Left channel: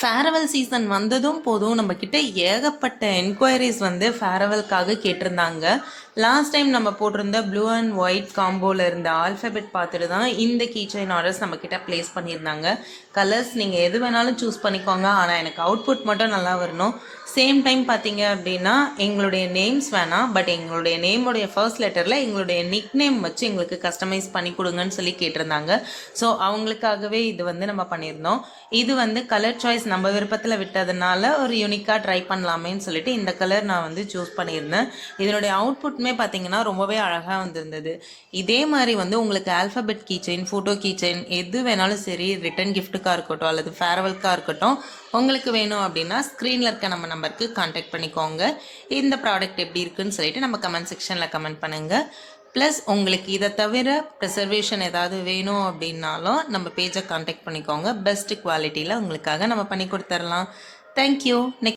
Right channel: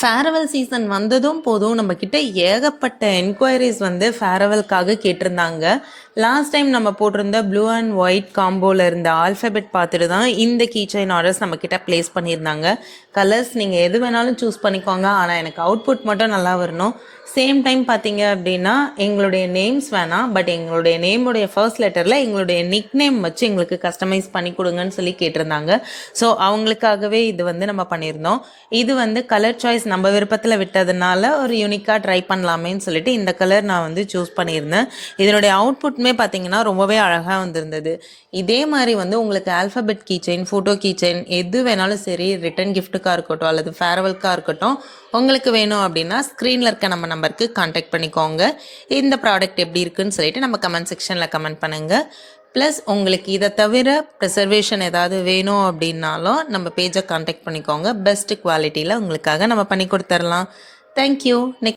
Farewell season வந்ததும் போதும் நம்மக்கிட்ட ஏகப்பட்ட என்கொயரிஸ் வந்து ஃபேர்வெல்காக கேட்டிருந்தாங்க. லாஸ்ட் டைம் நம்ம போட்டிருந்த ப்ளூ அண்ட் ஒயிட் காம்போவில் இருந்த ஆல்ஃபபெட் பார்த்துட்டு தான் இந்த கீச்சைன் ஆர்டர்ஸ் நம்மக்கிட்ட ப்ளேஸ் பண்ணியிருந்தாங்க. கலர்ஸ் நீங்கள் எது வேணாலும் சூஸ் பண்ணிக்கோங்க, ஆனால் எனக்கு அவுட்புட் மட்டும் நல்லா வரணும். சேம் டைம் பார்த்தீங்க அப்படின்னா எங்களுடைய நேம்ஸ் வேணாம், பட் எங்களுடைய நேமுடைய ஃபர்ஸ்ட் லெட்டரில் எங்களுடைய நிக் நேம் வச்சு எங்களுக்கு கஸ்டமைஸ் பண்ணி கொடுங்கன்னு சொல்லி கேட்டிருந்தாங்க. ஸோ அவங்களுக்காகவே இது வந்து நம்ம பண்ணியிருந்தோம். இது வந்து கலர் சாய்ஸ் நம்ம விருப்பத்தில் விட்டதுனால ஒரு யூனிக்காக ட்ரை பண்ணலாமேன்னு சொல்லிட்டு இந்த கலர் நான் வந்து சூஸ் பண்ணியிருந்தேன். இதனுடைய அவுட்புட்மே பார்த்தீங்கன்னா ரொம்பவே அழகாக வந்திருந்தது. இதே மாதிரி வந்து உங்களுக்கு ஆல்ஃபபெட் கீச்செயின், ஃபோட்டோ கீச்செயின் எது வேணாலும் சரி, ரிட்டன் கிஃப்ட்டுக்காக இருக்கட்டும் அல்லது ஃபேர்வெல்காக இருக்கட்டும், உங்களுக்கு வேணும் அப்படின்னா ஸ்க்ரீனில் இருக்க நம்ம நம்பருக்கு கான்டாக்ட் பண்ணிக்கோங்க. இந்த ப்ராடக்ட் எப்படி இருக்குன்னு சொல்லிட்டு நம்ம கமெண்ட் செக்ஷனில் கமெண்ட் பண்ணுங்கள். ப்ளஸ் உங்களுக்கு இதை தவிர ப்ரிசர்வேஷன் ஏதாவது வேணும் அப்படின்னாலும் நம்ம பேஜை கான்டாக்ட் பண்ணிக்கோங்க. பெஸ்ட் குவாலிட்டியில் உங்களுக்காக நம்ம பண்ணி கொடுத்துர்லாம். தேங்க்யூ. நெக்ஸ்ட்